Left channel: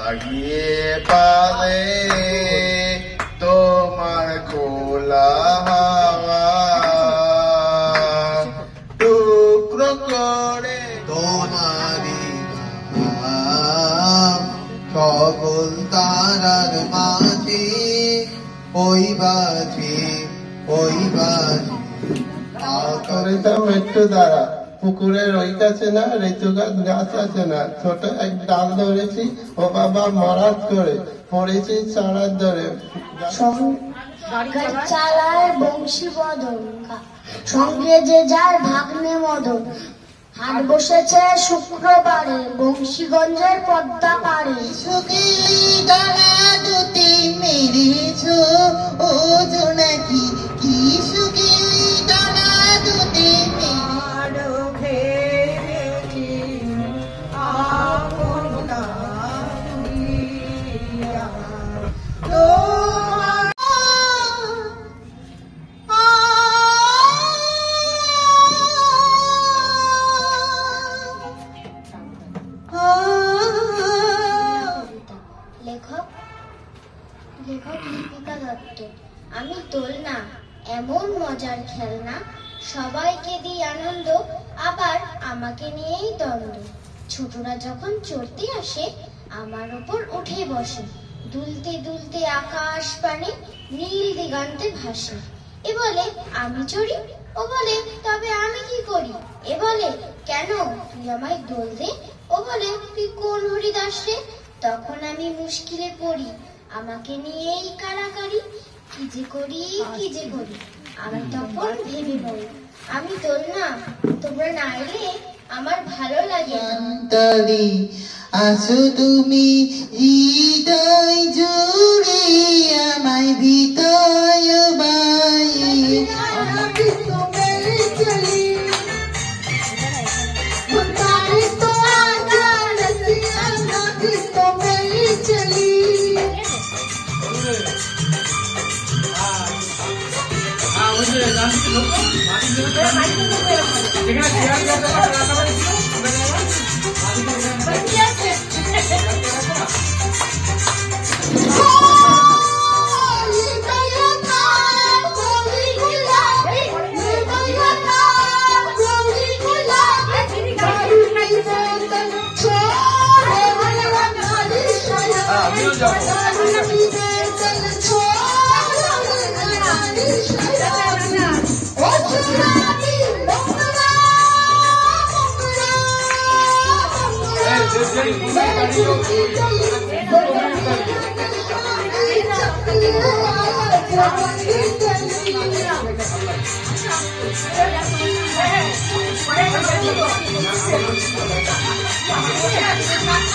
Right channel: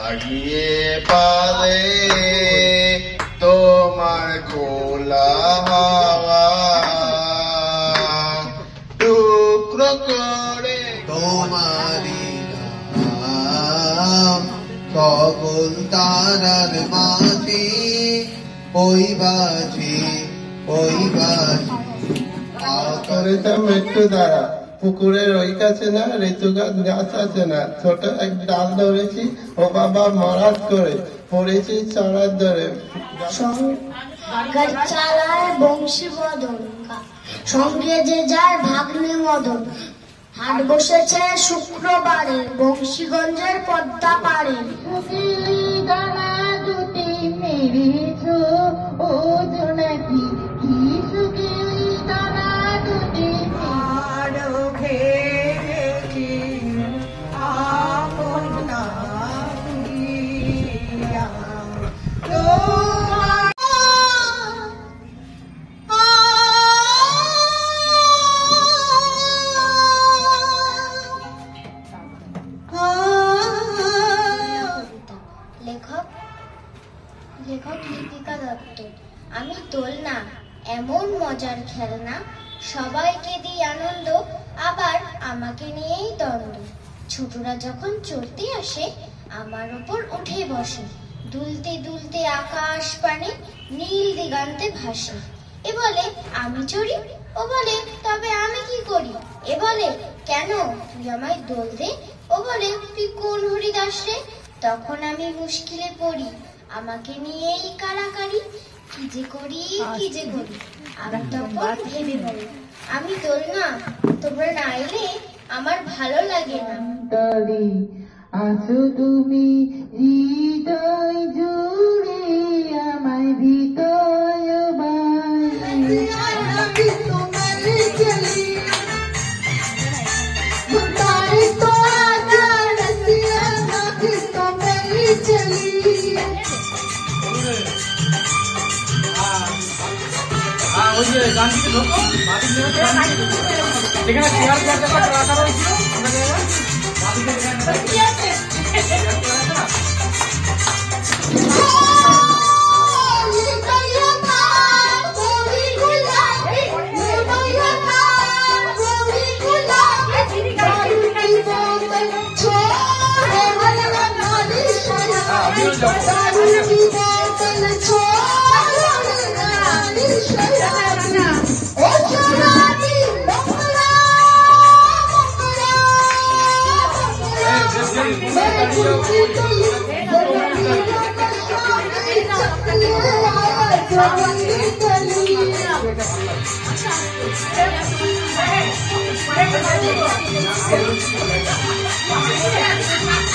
লাগিয়ে পালে তোমার খোলা হাওয়া টুকরো করে তোমারি নাম সকল তারার মাঝে ওই বাজে একটু দাঁড়া পুকুরের ওই কাছে না ঋতু গাছ আছে না ছোট এক ডাল ধরেছি ও বাবা মরাত করে পড়েছি চারার ধরে চালায় বংশী বদন সঙ্গে যে যার ভাগ্নে মদন হাট বসেছে শুক্রবারে বংশীগঞ্জের পদ্মা পাড়ে ডালা দুটি মেরেছ ও জোনাকি কি সুখী ডালা দুটি লেখক লিপিকা দত্ত। আমি দোলনা এমন মজার খেলনা সবাইকে দিই আনন্দ আবার আমাকে নিয়েই দ্বন্দ্ব ছোটরা যখন চড়তে আসে আমার উপর উঠে বসে দুলতে দুলতে আকাশ পানে নীল দিগান্তে ভাসে এ বলে আমি চড়ি ও বলে তবে আমি কি করি এ বলে কেন তুই আমায় দোল দে ও বলে তুই কোন হরিদাস রে তখন আমি মুশকিলে পড়ি আমাকে নিয়েই কারাকারি কি যে করি আমি তখন ভেবে বলি আমি দোলনা তোমরা না এলে আমার ভালো লাগে না আসো তুমি হৃদয় জুড়ে আমায় ভিতয় Thank you.